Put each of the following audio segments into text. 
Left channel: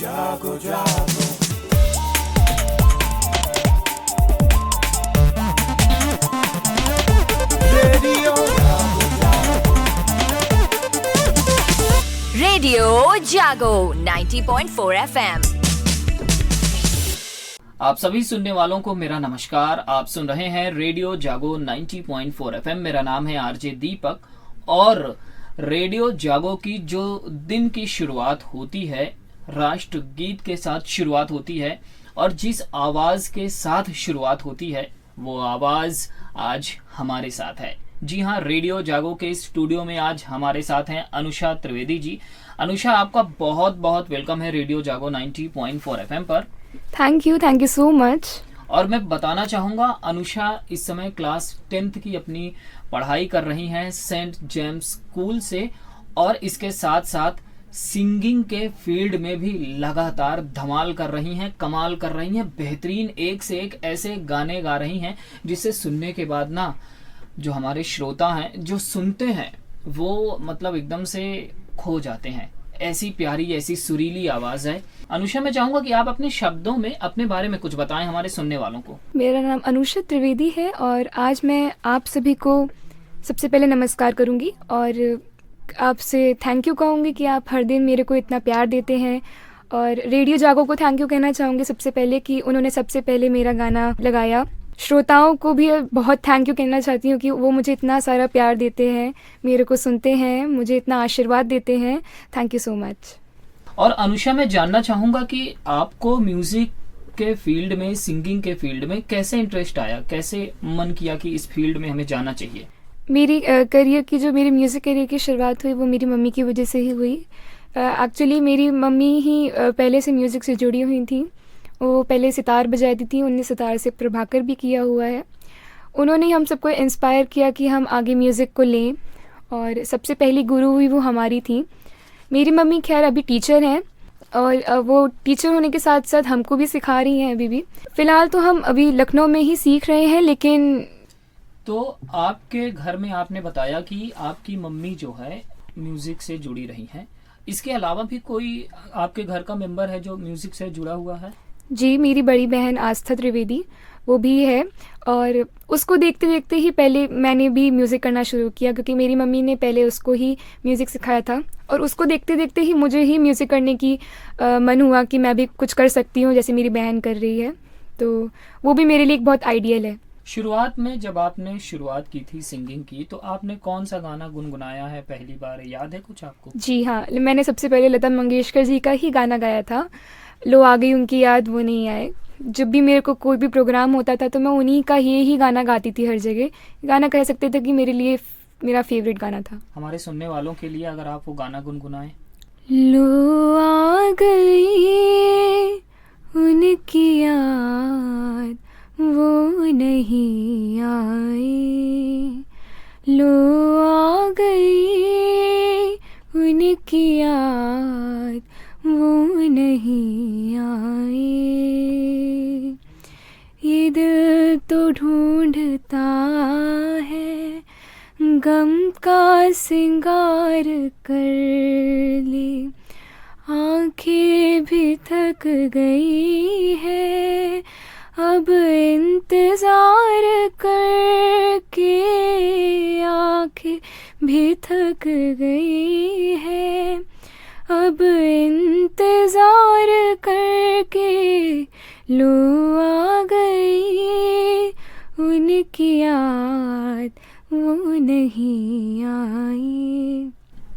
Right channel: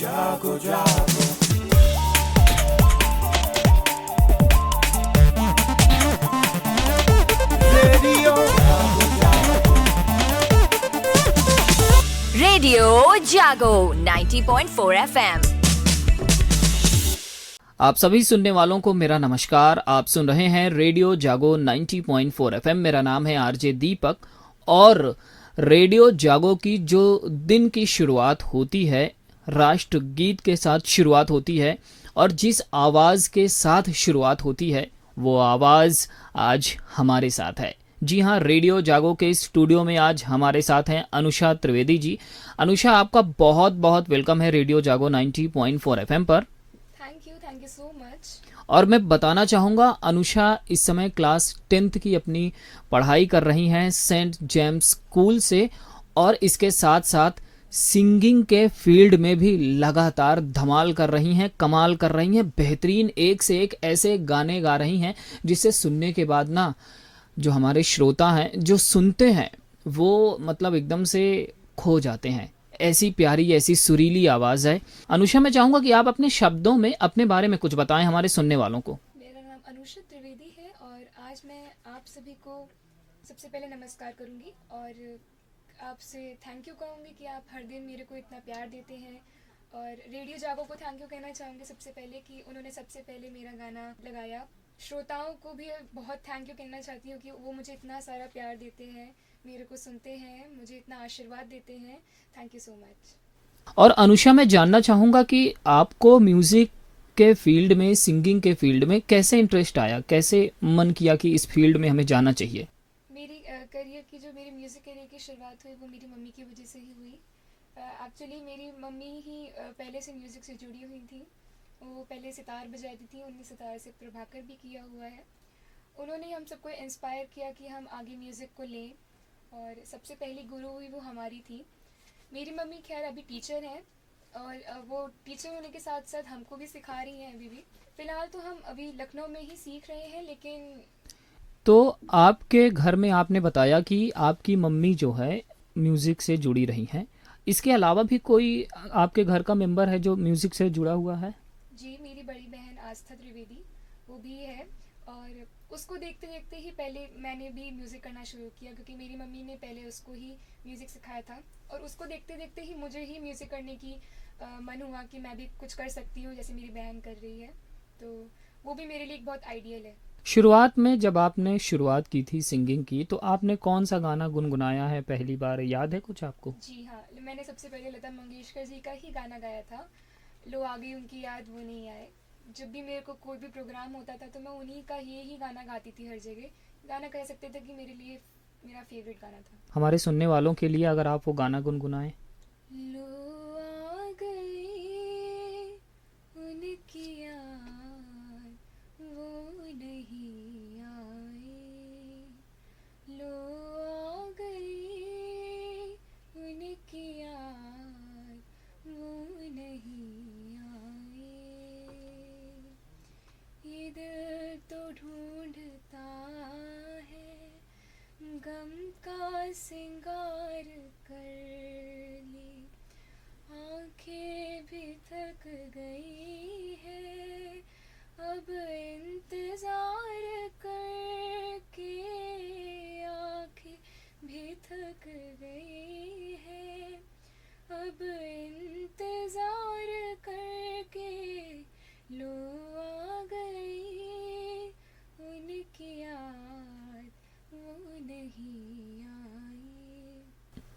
जागो जागो रेडियो जागो जागो रेडियो जागो 90.4 FM। आप सभी सुनने वालों को मेरा नमस्कार। आप सुन रहे हैं रेडियो जागो 90.4 FM। मेरा नाम है आरजे दीपक और रेडियो जागो की जो दिन की शुरुआत होती है राष्ट्रगीत के साथ शुरुआत होती है और जिस आवाज़ के साथ शुरुआत होती है वो आवाज़ आज हमारे साथ है। जी हाँ, रेडियो जागो के स्टूडियो में आज हमारे साथ हैं अनुषा त्रिवेदी जी। अनुषा, आपका बहुत बहुत वेलकम है रेडियो जागो 90.4 FM पर। Thank you so much. और मैं बताना चाहूँगा अनुषा इस समय क्लास 10th की अपनी पढ़ाई कर रही हैं सेंट जेम्स स्कूल से और इसके साथ साथ सिंगिंग के फील्ड में भी लगातार धमाल कर रही हैं, कमाल कर रही हैं, बेहतरीन एक से एक ऐसे गाने गा रही हैं जिसे सुनने के बाद ना जो हमारे श्रोता हैं जो सुनते हैं वो मतलब एकदम से खो जाते हैं। ऐसी प्यारी ऐसी सुरीली आवाज़ है। अनुषा, मैं चाहूँगा कि आप अपने शब्दों में अपने बारे में कुछ बताएं हमारे सुनने वालों को। मेरा नाम अनुषा त्रिवेदी है और आज मैं आप सभी को सबसे पहले नमस्कार करूंगी और आपसे थैंक यू कहूँगी कि आप हर दिन मेरे को इतना प्यार देते हैं। और रेडियो जागो को थैंक यू कहना चाहूँगी सबसे पहले कि उन्होंने सबसे पहले मेरा गाना लगाया। श्रोताओं को भी बहुत थैंक यू कहना चाहती हूँ कि वो मुझे इतना सारा प्यार देते हैं, मेरे को सुनते हैं, मुझे इतना आशीर्वाद देते हैं। Thank you so much. और अनुषा, मैं जानना चाहूँगा कि आपको म्यूज़िक के फील्ड में, सिंगिंग के फील्ड में कैसे इंटरेस्ट आया, कैसे मन किया कि इस फील्ड में हमें जाना चाहिए? मेरी करियर की जो मेरी म्यूज़िक करियर की शुरुआत हुई वो मेरी मम्मी की वजह से ही हुई। एक्चुअली मेरी मम्मी ही पहले से म्यूज़िक से जुड़ी हुई थी। वो पहले सितार बजाती थी, उन्होंने सितार से प्रभाकर भी किया हुआ है। उन्होंने हम सबको इंस्पायर किया कि हम आगे म्यूज़िक को लें और सबसे पहली गुरु हुई वो हमारी थी। मेरी मम्मी खैर अभी टीचर हैं और वो टीचर होने के साथ साथ हमको भी सिखा रही हैं अभी भी। फ़िलहाल तो हम अभी लखनऊ में ही सीख रहे हैं। लेकिन तो आपके घर में आपने बताया कि आपकी मम्मी जो है म्यूज़िक से जुड़ी रही हैं, इसके अलावा भी कोई आपके घर का मेंबर है जो म्यूज़िक से जुड़ा हुआ है? जी, मेरी बड़ी बहन आस्था त्रिवेदी वो भी है और उसको देखते देखते ही पहले मैंने भी म्यूज़िक करना शुरू किया क्योंकि मेरी मम्मी ने पहले उसको ही म्यूज़िक सिखाया था और उसको देखते देखते ही मुझे ही म्यूज़िक करने की मन हुआ कि मैं भी कुछ कर सकती हूँ जैसे मेरी बहन कर रही है। तो वो भी मेरे लिए एक बहुत आइडियल है। शुरुआत में जब आपने शुरुआत की थी सिंगिंग की तो आपने कौन सा गाना गुनगुनाया है पहली बार, याद है कुछ आपको? जी हाँ, मैंने सबसे पहले लता मंगेशकर जी का ही गाना गाया था, लो आ गई उनकी याद वो नहीं आए। जब भी मेरे को कोई भी प्रोग्राम होता था तो मैं उन्हीं का ही गाना गाती थी हर जगह। गाना कह सकते थे कि मेरे लिए मेरा फेवरेट गाना था। हमारे सुनने वालों के लिए अगर आप वो गाना गुनगुनाएं। लो आ गई उनकी याद वो नहीं आए, लो आ गई उनकी याद वो नहीं आए। ये दिल तो ढूंढता है गम का सिंगार कर ले, आंखें भी थक गई है अब इंतजार करके, आंखें भी थक गई है अब इंतजार करके, लो आ गई उनकी याद वो नहीं आई।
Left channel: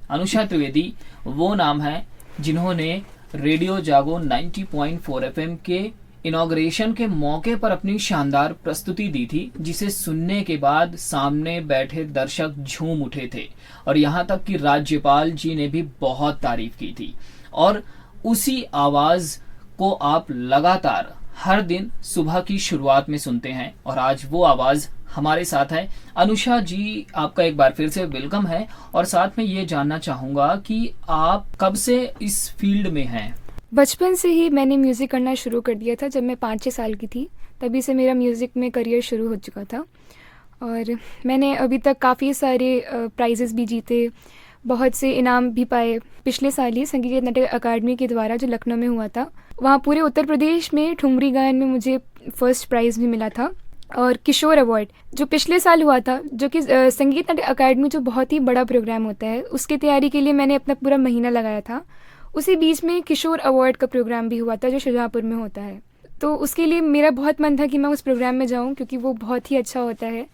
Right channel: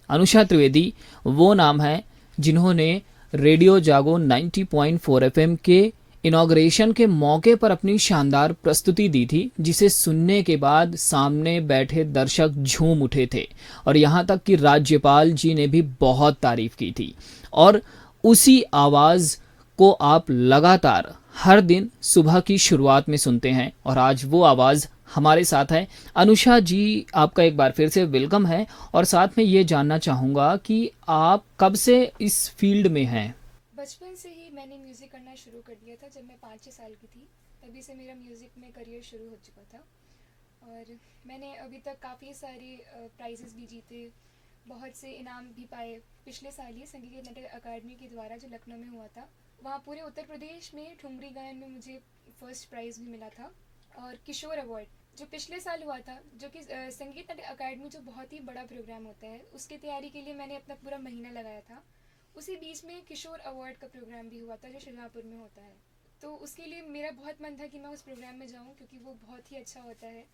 अनुषा त्रिवेदी वो नाम है जिन्होंने रेडियो जागो 90.4 FM के इनॉग्रेशन के मौके पर अपनी शानदार प्रस्तुति दी थी जिसे सुनने के बाद सामने बैठे दर्शक झूम उठे थे और यहाँ तक कि राज्यपाल जी ने भी बहुत तारीफ की थी। और उसी आवाज़ को आप लगातार हर दिन सुबह की शुरुआत में सुनते हैं और आज वो आवाज़ हमारे साथ है। अनुषा जी, आपका एक बार फिर से वेलकम है और साथ में ये जानना चाहूँगा कि आप कब से इस फील्ड में हैं? बचपन से ही मैंने म्यूज़िक करना शुरू कर दिया था। जब मैं 5-6 साल की थी तभी से मेरा म्यूज़िक में करियर शुरू हो चुका था और मैंने अभी तक काफ़ी सारे प्राइजेस भी जीते। बहुत से इनाम भी पाए। पिछले साल ही संगीत नाटक अकादमी के द्वारा जो लखनऊ में हुआ था, वहाँ पूरे उत्तर प्रदेश में ठुमरी गायन में मुझे फर्स्ट प्राइज़ भी मिला था। और किशोर अवार्ड जो पिछले साल हुआ था, जो कि संगीत नाटक अकादमी जो बहुत ही बड़ा प्रोग्राम होता है, उसकी तैयारी के लिए मैंने अपना पूरा महीना लगाया था। उसी बीच में किशोर अवार्ड का प्रोग्राम भी हुआ था जो शाहजहाँपुर में होता है। तो उसके लिए मेरा बहुत मन था कि मैं उस प्रोग्राम में जाऊं, क्योंकि वो बहुत ही अच्छा होता है।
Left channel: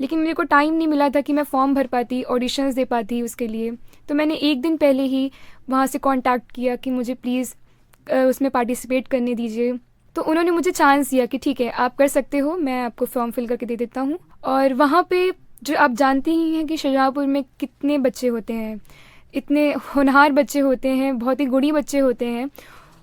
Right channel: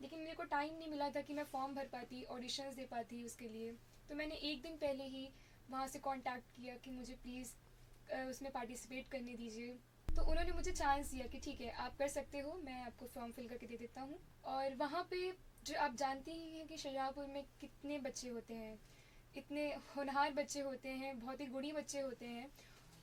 लेकिन मेरे को टाइम नहीं मिला था कि मैं फॉर्म भर पाती, ऑडिशंस दे पाती उसके लिए। तो मैंने एक दिन पहले ही वहाँ से कांटेक्ट किया कि मुझे प्लीज़ उसमें पार्टिसिपेट करने दीजिए। तो उन्होंने मुझे चांस दिया कि ठीक है आप कर सकते हो, मैं आपको फॉर्म फिल करके दे देता हूँ। और वहाँ पे जो आप जानते ही हैं कि शाहजहाँपुर में कितने बच्चे होते हैं, इतने होनहार बच्चे होते हैं, बहुत ही गुणी बच्चे होते हैं।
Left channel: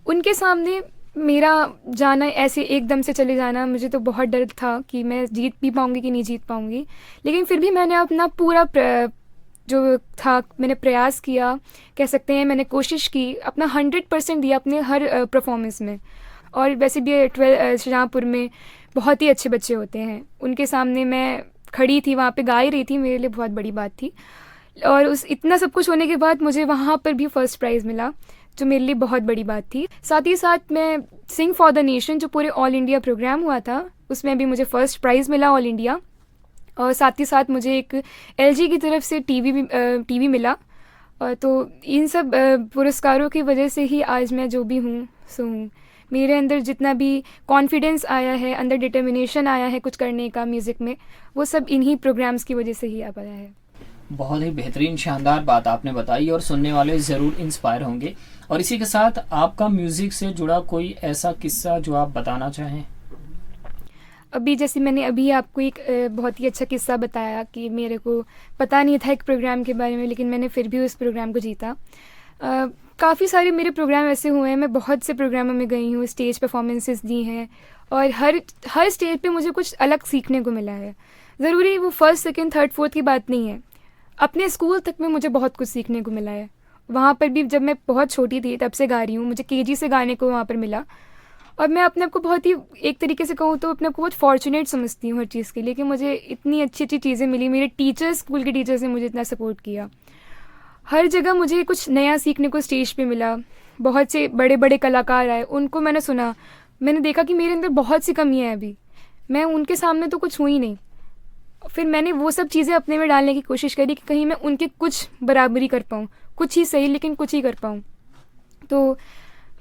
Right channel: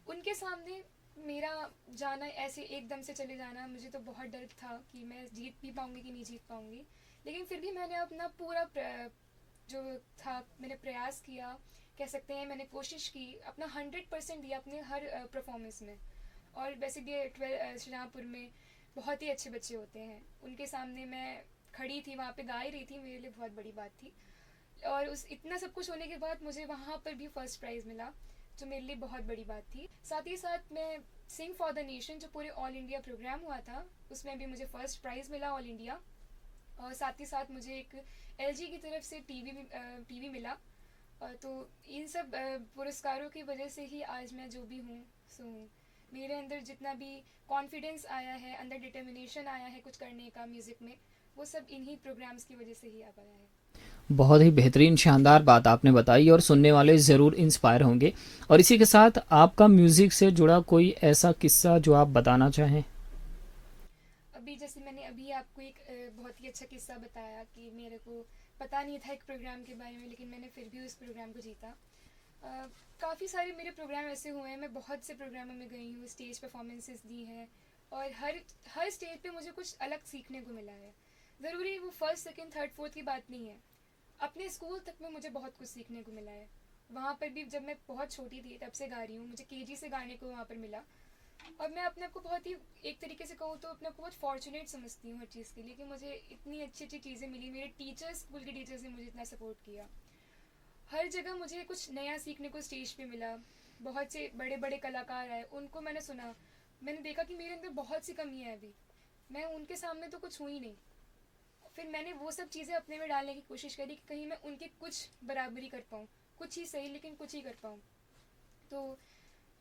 उनके सामने मेरा जाना, ऐसे एकदम से चले जाना, मुझे तो बहुत डर था कि मैं जीत भी पाऊँगी कि नहीं जीत पाऊँगी। लेकिन फिर भी मैंने अपना पूरा जो था मैंने प्रयास किया, कह सकते हैं मैंने कोशिश की, अपना 100% दिया अपने हर परफॉर्मेंस में। और वैसे भी शाहजहाँपुर में बहुत ही अच्छे बच्चे होते हैं, उनके सामने मैं खड़ी थी, वहाँ पे गा ही रही थी, मेरे लिए बहुत बड़ी बात थी। और उस इतना सब कुछ होने के बाद मुझे वहाँ पर भी फर्स्ट प्राइज़ मिला, जो मेरे लिए बहुत बड़ी बात थी। साथ ही साथ मैं सिंग फॉर द नेशन जो पूरे ऑल इंडिया प्रोग्राम हुआ था, उसमें भी मुझे फ़र्स्ट प्राइज़ मिला ऑल इंडिया। और साथ ही साथ मुझे एक एलजी की तरफ से टीवी मिला। तो इन सब पुरस्कारों की वजह से ही आज मैं जो भी हूँ सो हूँ। मेरे अंदर जितना भी कॉन्फिडेंस आया है, अंदर डिटर्मिनेशन आया है कुछ करने का म्यूज़िक में, वो सब इन्हीं प्रोग्राम्स की वजह से ही आ पाया है। बहुत ही बेहतरीन शानदार बात आपने बताई और सुनने वाले ज़रूर इंस्पायर होंगे। और इसी के साथ आपका म्यूज़िक से जुड़ा कोई ऐसा किस्सा जो आप बताना चाहें? अभी जैसे मैंने अभी आपको एक बहुत ही अच्छा किस्सा बताया कि मेरे को पता नहीं था एक प्रोग्राम के बारे में, लेकिन मैंने फिर भी उस प्रोग्राम को जीता। काफ़ी सारे मेरे प्रोग्राम ऐसे हुए हैं, मैं बहुत से प्रोग्रामों में गई हूँ, स्टेज परफॉर्मेंसेस दी हैं, और हर स्टेज पे मुझे कुछ अलग सीखने को मिला है। ज़रूरी वो फर्स्ट, सेकंड, थर्ड, फोर्थ की बात नहीं है। अपने स्कूल तक में मुझे बहुत कुछ सीखने को मिला है। वहाँ पर भी जब मैं बहुत छोटी थी तब से गा रही हूँ, मुझे केजी से गाने को वहाँ पर मिला। और मैं अपने आप को बहुत ही, एक तरीके से कहूँ तो अपने आप को बहुत फॉर्चुनेट समझती हूँ हर चीज़ के लिए, कि मुझे इतनी अच्छी अच्छी चीज़ें मिली। मेरे टीचर्स, स्कूल के टीचर्स ने मुझे इतना सपोर्ट किया। हर जगह मुझे कुछ नया सीखने को स्टेज पे मिला। बहुत से बड़े बड़े कलाकार आए, उनको मैंने सुना, मैंने देखा कि मेरे अंदर बहुत सी कमियाँ हैं अभी, मैं उनके सामने तो कुछ हुई नहीं। फिर मैंने वो सब चीज़ें अपने में डालने की कोशिश करी कि कहीं मैं उनके कुछ बराबरी कर पाऊँ, कुछ ही सही लेकिन कुछ ही कर पाऊँ। तो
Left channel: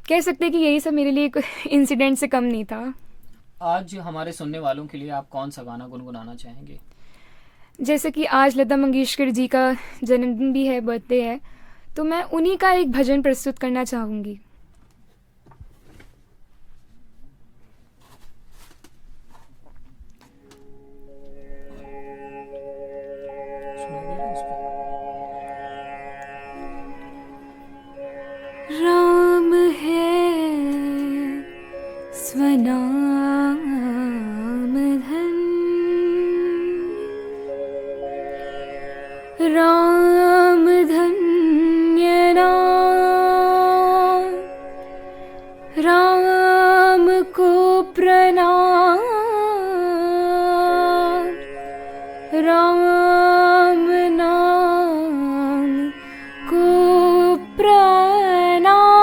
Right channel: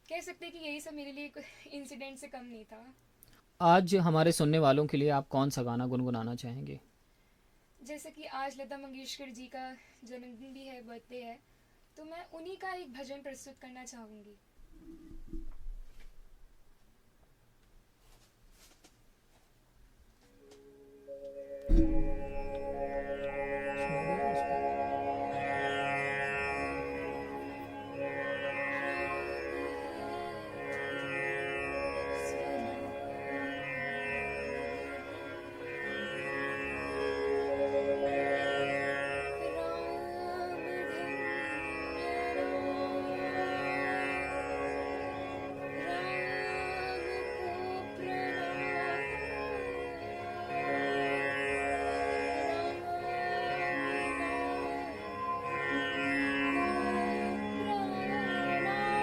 कह सकते हैं कि यही सब मेरे लिए एक इंसिडेंट से कम नहीं था। आज हमारे सुनने वालों के लिए आप कौन सा गाना गुनगुनाना चाहेंगे? जैसे कि आज लता मंगेशकर जी का जन्मदिन भी है, बर्थडे है, तो मैं उन्हीं का एक भजन प्रस्तुत करना चाहूँगी। राम है स्वनाम धन, राम धन्य नाम, राम को प्रणाम, राम नाम को प्रणाम।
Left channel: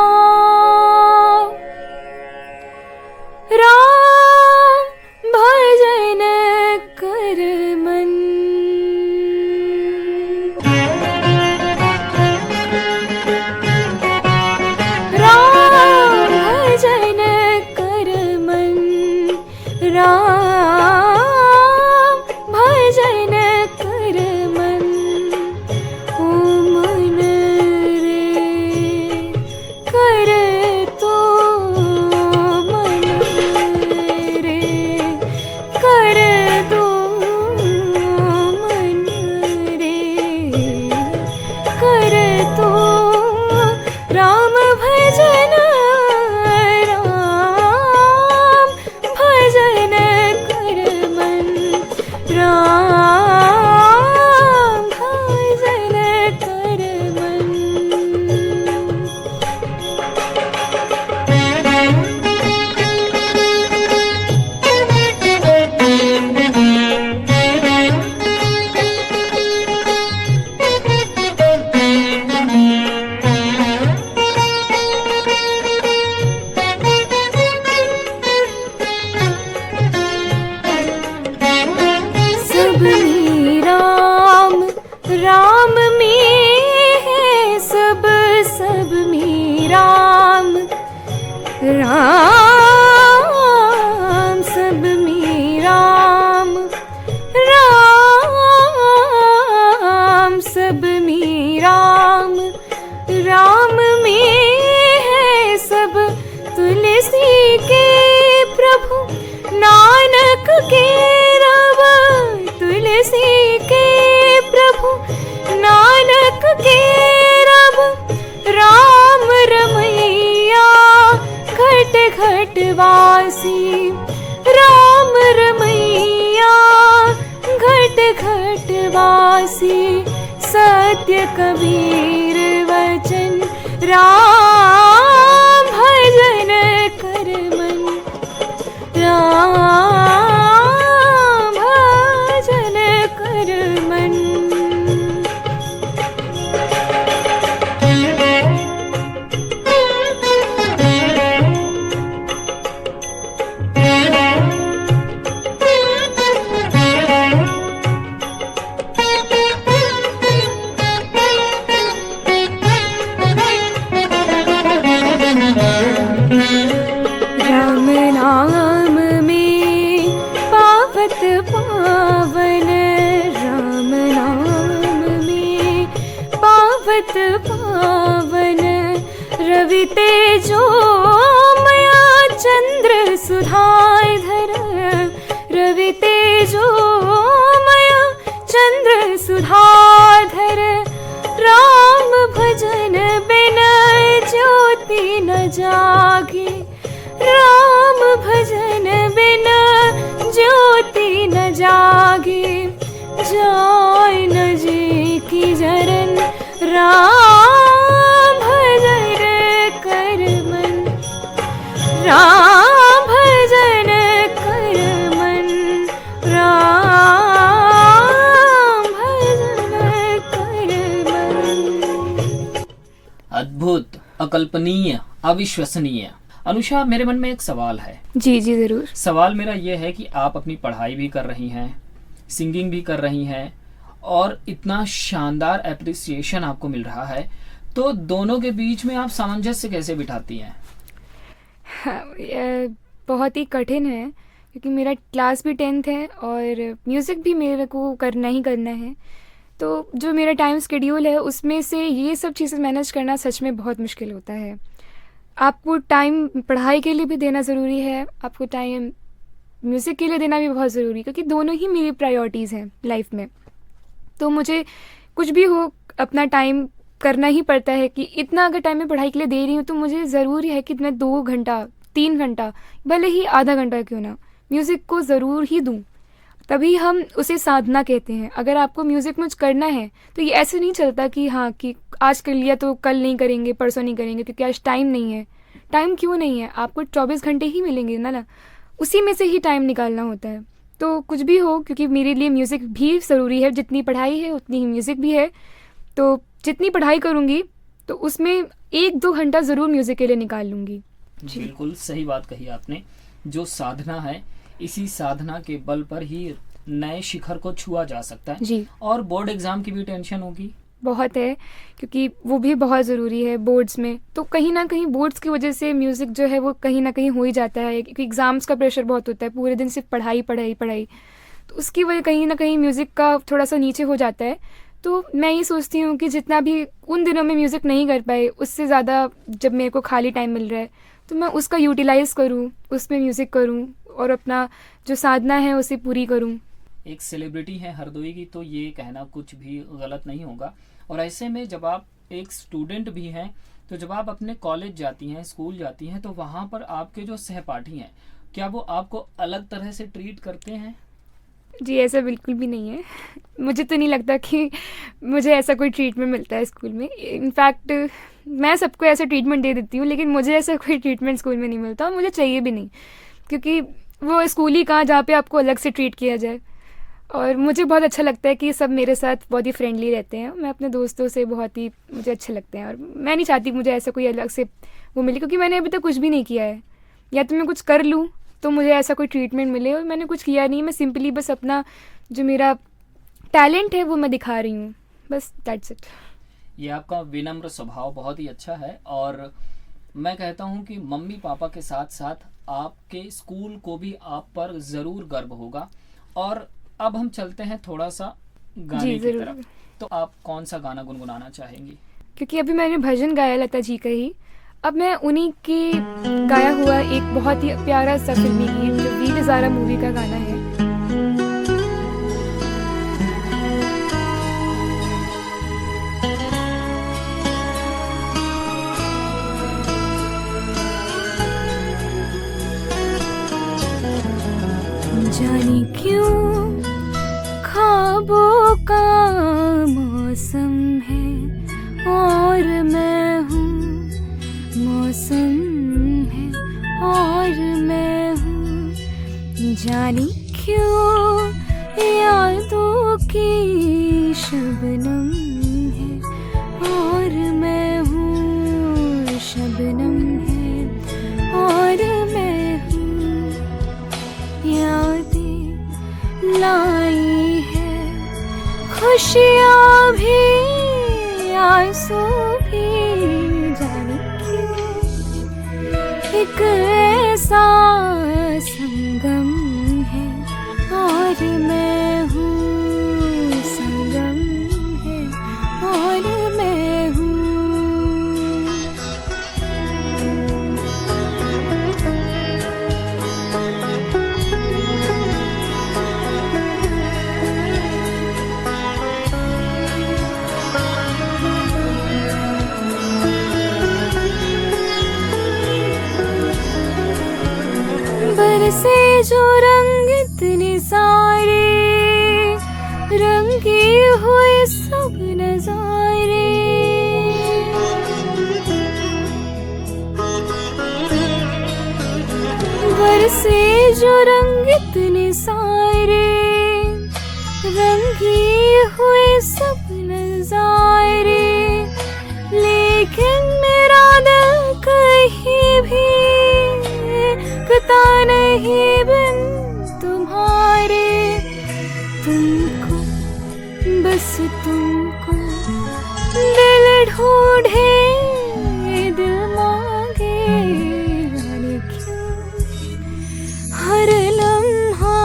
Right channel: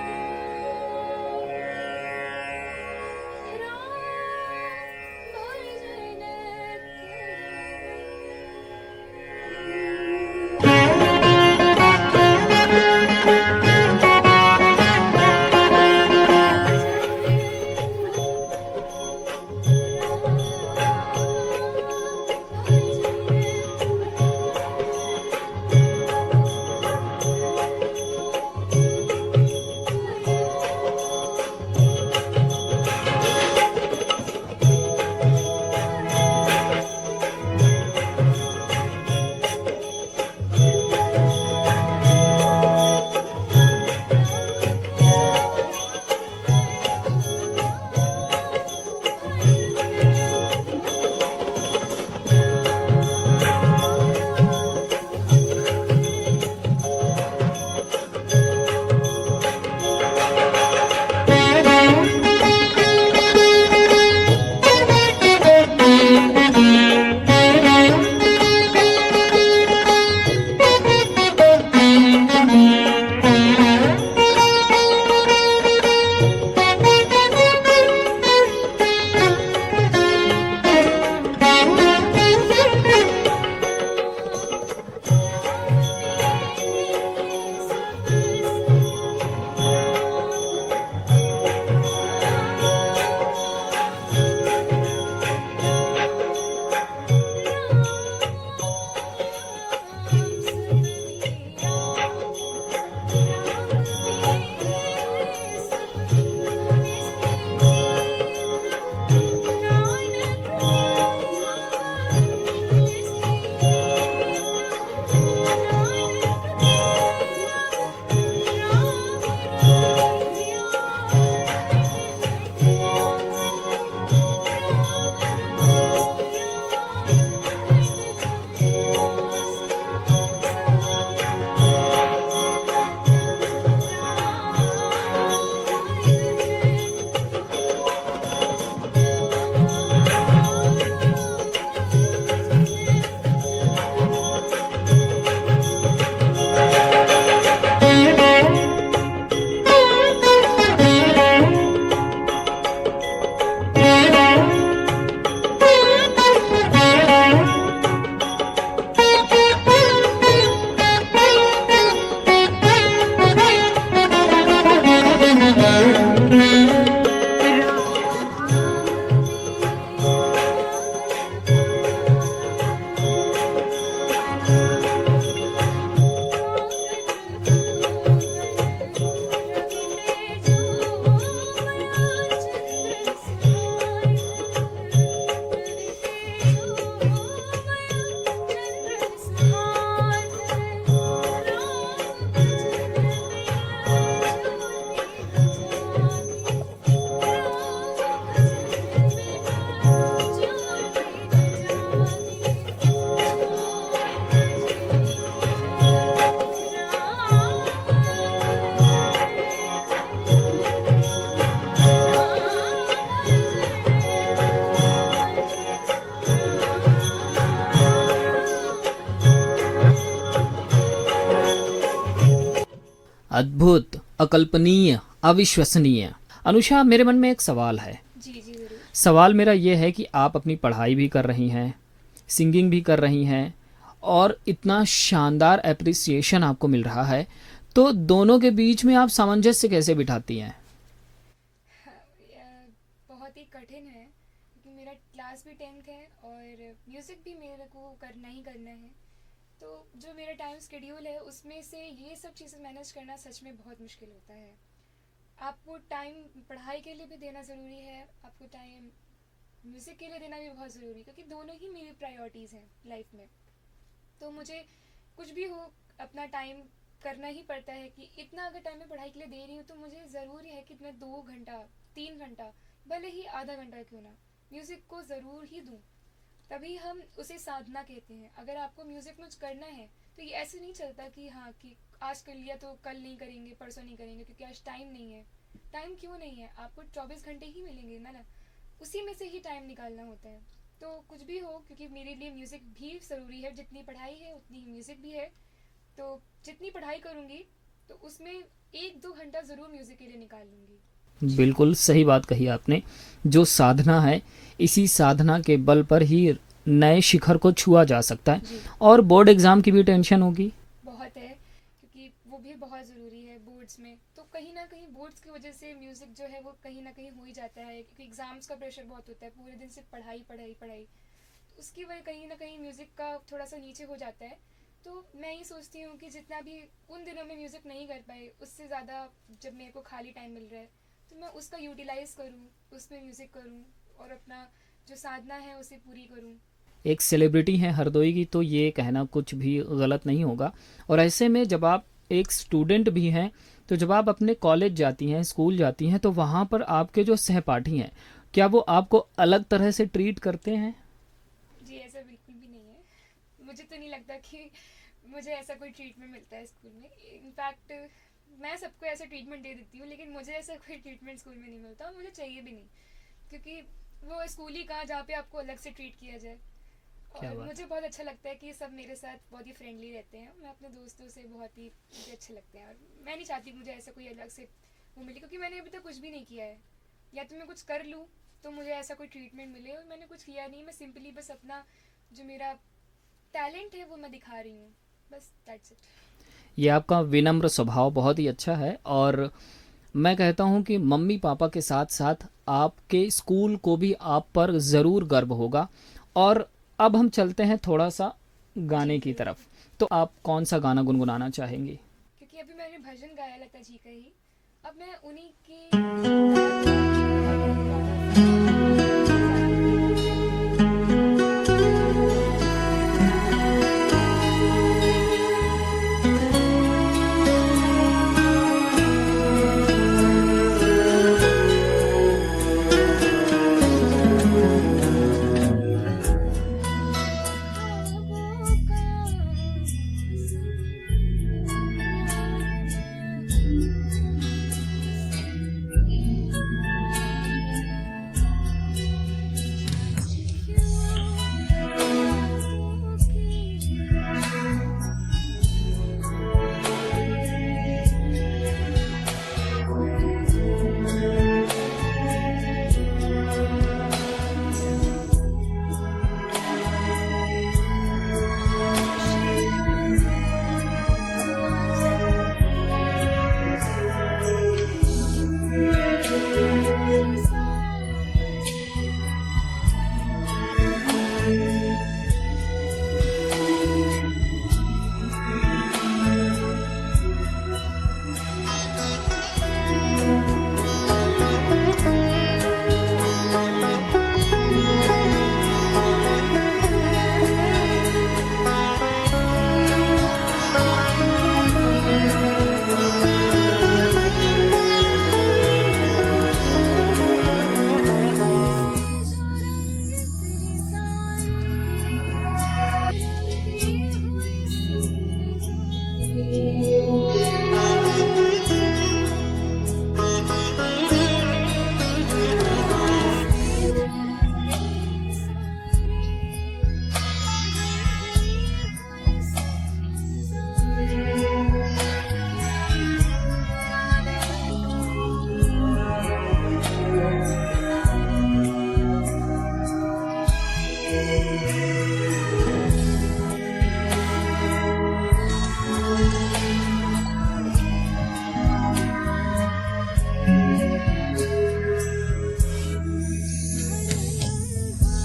तेजो मया चंद्र सुधाधर रवि तेजो मया चंद्र सुधाधर राम भजन बिन ज्योति न जागे राम भजन बिन ज्योति न जागे जाय न जी की जरन राम भजन कर मन राम भजन कर मन राम भजन कर मन। अद्भुत, अकल्पनीय, अविश्वसनीय। अनुषा, मेरे मन में एक सवाल है। जी जी ज़रूर। सवाल मेरा ये है कि आप अपनी पढ़ाई भी कर रही हैं, सिंगिंग भी कर रही हैं और इतना शानदार एप्रिसिएशन आपको मिल रहा है, तो दोनों के बीच में आप सामंजस्य कैसे बिठाती हैं? हाँ, बहुत ही कठिन है क्योंकि मेरा क्लास भी 10th है और म्यूज़िक भी मेरे को करना ही करना है। तो जो मेरा टाइम शेड्यूल है उसमें से ये सब चीज़ें मैनेज करना सच में बहुत मुश्किल होता है। आपको टाइम पढ़ाई के लिए भी देना ज़रूरी है, आपको टाइम म्यूज़िक के लिए देना भी बहुत ज़रूरी है क्योंकि दोनों ही मेरी प्रायोरिटीज़ हैं लाइफ में। तो मुझे कुछ भी हो अपना टाइम करना ही पड़ता है कि इतना अगर टाइम मैं पढ़ाई के लिए दे रही हूँ तो मुझे ज़रूरी है कि मैं 2 घंटा 3 घंटा भले ही आधा घंटा क्यों ना म्यूज़िक को ज़रूर ही दूँ। तभी हम उसे साधना कहते हैं। अगर आपको म्यूज़िक में कुछ करना है तो ये ऐसे नहीं चलता कि हाँ कि आज कर लिया तो कल नहीं करेंगे, परसों नहीं करेंगे क्योंकि आज टाइम नहीं है। टाइम क्यों नहीं है? आपको 24 घंटे ही मिलेंगे ना, उसी में से ही टाइम निकालना होता है। तो कुछ भी हो, क्योंकि मेरे लिए म्यूज़िक भी ज़रूरी है, जितनी पढ़ाई है उतनी ही म्यूज़िक भी है। तो जितनी पढ़ाई करूँगी तो उसमें 1-2 घंटा ज़रूर म्यूज़िक के लिए निकाल लूँगी। बिल्कुल सही बात कही आपने। जो साधना है, इसी साधना के बल पर ही नए शिखर को छुआ जा सकता है। जी। और बोर्ड एग्जाम की भी टेंशन होगी? बहुत है, क्योंकि वो भी बहुत ज़रूरी है बोर्ड्स में। तो कहीं ना कहीं बोर्ड्स की वजह से म्यूज़िक जो है वो कहीं ना कहीं हो ही जाता है, क्योंकि एग्ज़ाम्स का प्रेशर बहुत होता है, पूरे दिन सिर्फ पढ़ाई पढ़ाई पढ़ाई। तो उसकी वजह कहीं ना कहीं म्यूज़िक का थोड़ा सा नीचे हो जाता है। तो मैं ये सोचती हूँ कि जितना भी उन दिनों में म्यूज़िक नहीं कर पाए, उससे ज़्यादा जब मेरे को खाली टाइम मिल रहा है तो मैं उसका यूटिलाइज़ करूँ, उसमें म्यूज़िक करूँ और अपना जो साधना है उसे पूरी करूँ। एक सेलिब्रिटी है हरदोई की, तो ये कहना कुछ भी गलत नहीं होगा। और ऐसे में जब आप एक स्टूडेंट भी हैं, तो जब आप अपने कॉलेज जाती हैं, स्कूल जाती हैं, तो वहाँ पर आपके जो सहपाठी हैं, क्या वो आपको अलग तरह से ट्रीट करते हैं? जी, ऐसा बिल्कुल भी नहीं है। मुझे तो नहीं लगता कि मुझे ऐसा कोई ट्रीटमेंट मिलता है स्कूल में। इनफैक्ट मैं सबको ऐसा ट्रीटमेंट दे देती हूँ, लेकिन मुझे ऐसा कोई ट्रीटमेंट स्कूल में नहीं मिलता और मुझे चाहिए भी नहीं, क्योंकि वो स्कूल ही कहाँ जहाँ पे आपको अलग से ट्रीट किया जाए। और मुझे बहुत अच्छा लगता है कि सब मेरे साथ बहुत ही फ्रेंडली रहते हैं। मैं अपने दोस्तों से बहुत ही मुझे अच्छे लगते हैं और मैं नहीं चाहती मुझे ऐसा कोई अलग से वो मिले, क्योंकि मैंने अभी तक कुछ भी नहीं किया है। या तो मैं कुछ कर लूँ तो मुझे ऐसा कोई ट्रीटमेंट मिले, और मैंने कुछ किया नहीं। मैं सिंपली बस अपना जो मेरा टैलेंट है वो मैं दिखा रही हूँ, बस दैट्स इट। ये आपका विनम्र स्वभाव बहुत ही अच्छा है, और मैं कहता हूँ कि मम्मी पापा के साथ साथ आपके स्कूल को भी आप पर ज़रूर गर्व होगा। और अब हम चलते हैं थोड़ा सा गाने की तरफ। तो आप कौन सा गाना गुनगुनाना चाहेंगी? क्योंकि अभी मैंने भजन गाया लता जी का ही, अब मैं उन्हीं के गाया हुआ एक बहुत ही प्यारा सा फिल्मी गीत, जो वीर ज़ारा मूवी का गाना है। खुशियाँ भी आंसू भी एक ऐसा संगम है, और मैं हूँ संगम है, और मैं हूँ। नहीं बिन तुम्हारे, तुमको बस तुमको दिल ढूंढे दिल मांगे, हर लम्हा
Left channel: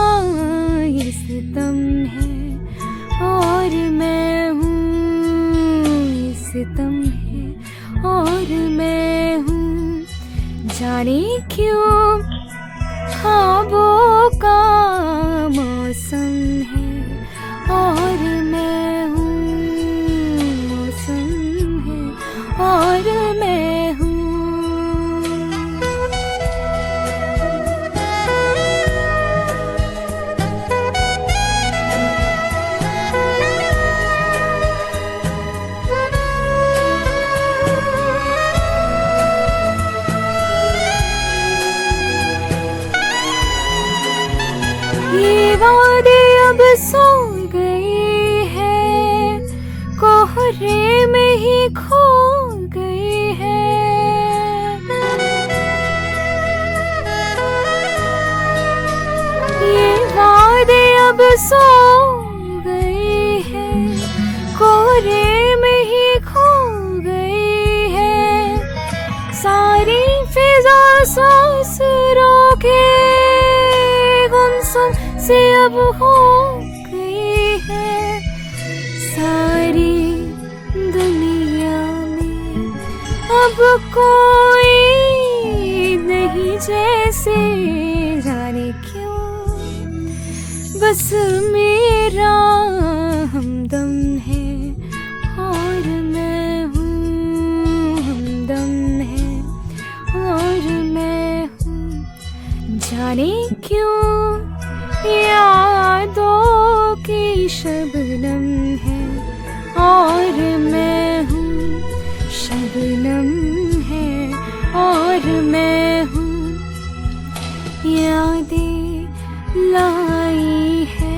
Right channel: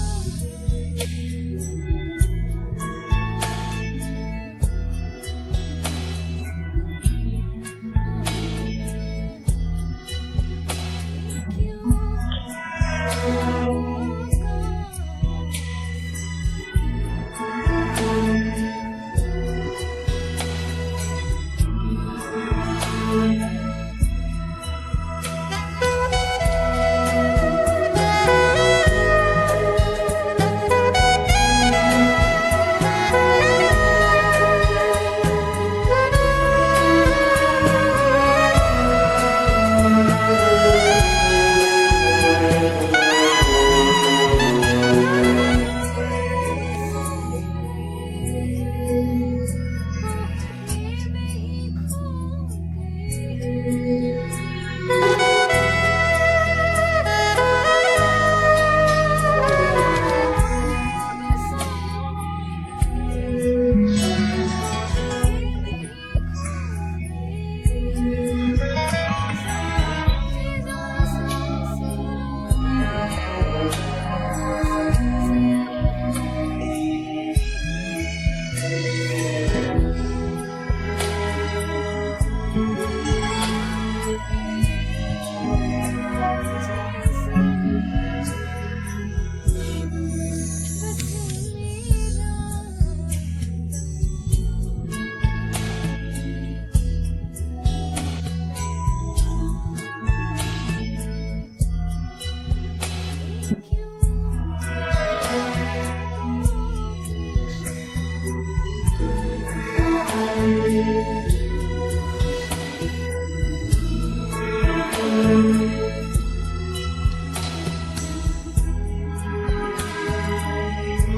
ये सितम है और मैं हूँ, सितम है और मैं हूँ। जाने क्यों ख्वाबों का मौसम है और मैं हूँ, मौसम है और मैं हूँ। ये वादे अब सो गए हैं, कोहरे में ही खो गए हैं। ये वादे अब सो गए हैं, कोहरे में ही खो गए हैं। सारी फिजा सांस रोके गुमसुम से अब हो गई है। सारी दुनिया में अब कोई नहीं जैसे, जाने क्यों बस मेरा हमदम है और मैं हूँ, हमदम है और मैं हूँ। जाने क्यों यादों की शबनम है और मैं हूँ, शबनम है और मैं हूँ। यादें लाई है,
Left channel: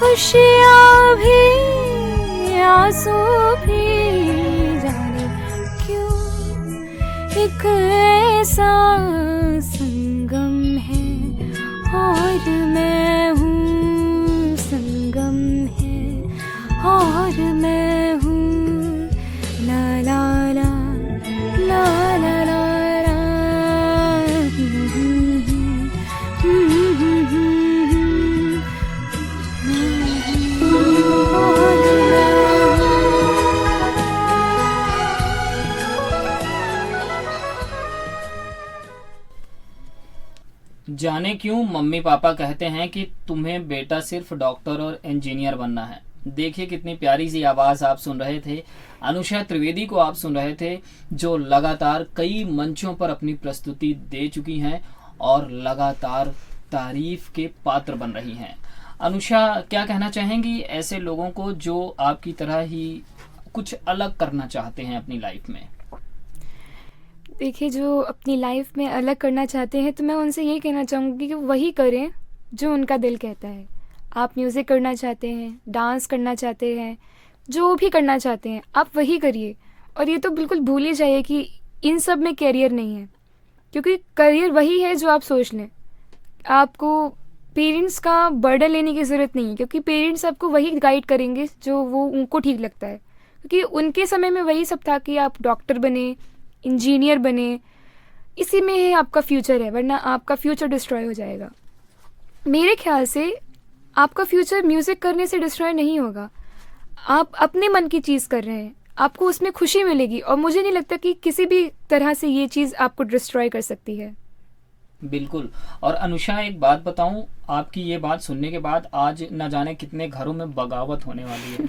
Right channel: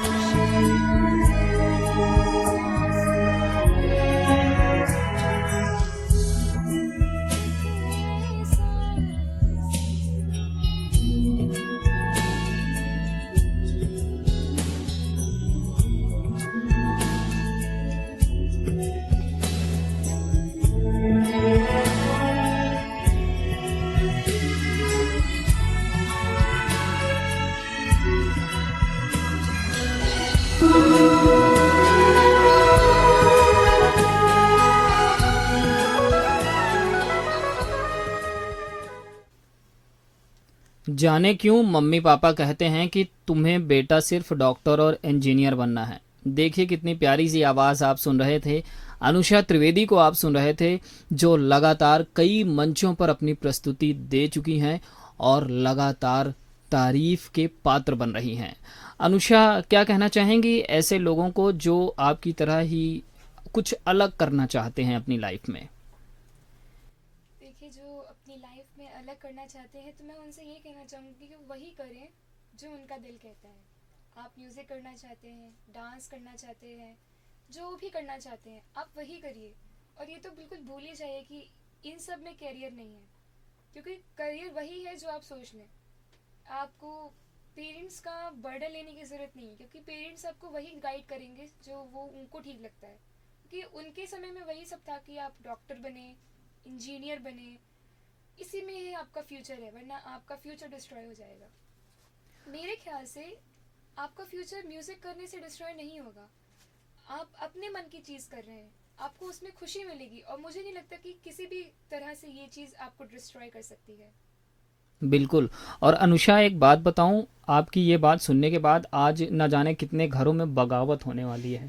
खुशियाँ भी, आंसू भी, जाने क्यों एक ऐसा संगम है और मैं हूँ, संगम है और मैं हूँ। ला ला ला ला ला ला जाने क्यों मम्मी पापा कहते हैं कि तुम्हें बेटा सिर्फ डॉक्टर और इंजीनियर बनना है। देखिए कितनी प्यारी सी आवाज़ आप सुन रहे थे। अनुषा त्रिवेदी को आप सुन रहे थे, जो लगातार कई मंचों पर अपनी प्रस्तुति दे चुकी हैं और लगातार तारीफ के पात्र बन रही हैं। अनुषा, क्या कहना चाहेंगी ऐसे लोगों को जो आपकी तरह ही कुछ अलग करना चाहते हैं अपनी लाइफ में? देखिए, जो अपनी लाइफ में अलग करना चाहते हैं तो मैं उनसे यही कहना चाहूँगी कि वही करें जो उनका दिल कहता है। आप म्यूज़िक करना चाहते हैं, डांस करना चाहते हैं, जो भी करना चाहते हैं आप वही करिए। और ये तो बिल्कुल भूल ही जाइए कि इन सब में करियर नहीं है, क्योंकि करियर वही है जो आप सोच लें। आपको पेरेंट्स का बर्डन लेने की ज़रूरत नहीं है, क्योंकि पेरेंट्स आपको वही गाइड करेंगे जो वो उनको ठीक लगता है। क्योंकि उनके समय में वही सब था कि आप डॉक्टर बने, इंजीनियर बने, इसी में है आपका फ्यूचर है, वरना आपका फ्यूचर डिस्ट्रॉय हो जाएगा। मेरे ख्याल से आपका फ्यूचर म्यूज़िक करने से डिस्ट्रॉय नहीं होगा। आप अपने मन की चीज़ कर रहे हैं, आपको उसमें खुशी मिलेगी, और मुझे नहीं लगता कि किसी भी तरह से ये चीज़ आपको डिस्ट्रॉय कर सकती है। बिल्कुल। और अनुषा, एक बात बताऊं, आपकी ये बात सुनने के बाद आज न जाने कितने घरों में बगावत होने वाली है।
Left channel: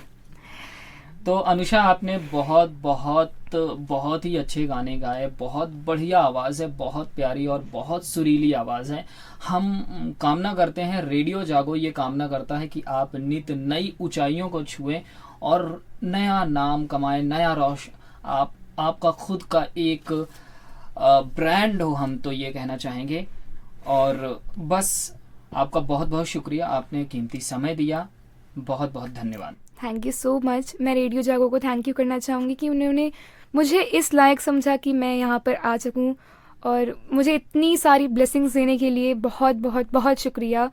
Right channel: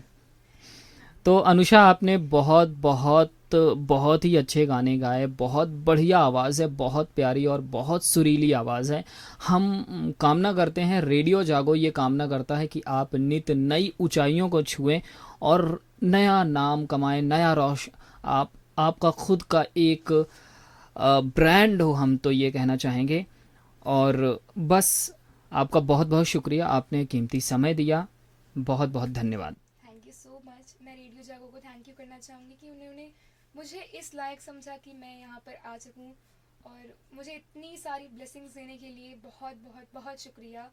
तो अनुषा, आपने बहुत बहुत बहुत ही अच्छे गाने गाए, बहुत बढ़िया आवाज़ है, बहुत प्यारी और बहुत सुरीली आवाज़ है। हम कामना करते हैं, रेडियो जागो ये कामना करता है कि आप नित नई ऊंचाइयों को छुएं और नया नाम कमाएं, नया आपका खुद का एक ब्रांड हो, हम तो ये कहना चाहेंगे। और बस आपका बहुत बहुत शुक्रिया, आपने कीमती समय दिया, बहुत बहुत धन्यवाद। Thank you so much. मैं रेडियो जागो को थैंक यू करना चाहूँगी कि उन्होंने मुझे इस लायक समझा कि मैं यहाँ पर आ सकूँ और मुझे इतनी सारी ब्लेसिंग्स देने के लिए बहुत बहुत बहुत शुक्रिया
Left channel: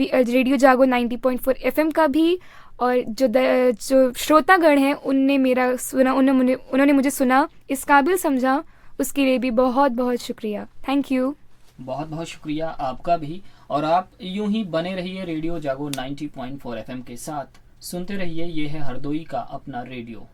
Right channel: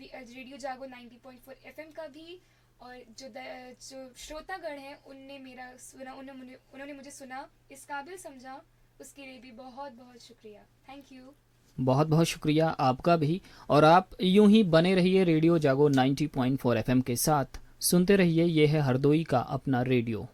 रेडियो जागो 90.4 एफएम का भी, और जो श्रोतागण हैं उनने मेरा सुना, उन्होंने मुझे सुना, इस काबिल समझा, उसके लिए भी बहुत बहुत शुक्रिया। Thank you. बहुत बहुत शुक्रिया आपका भी। और आप यूं ही बने रहिए रेडियो जागो 90.4 एफएम के साथ, सुनते रहिए, ये है हरदोई का अपना रेडियो।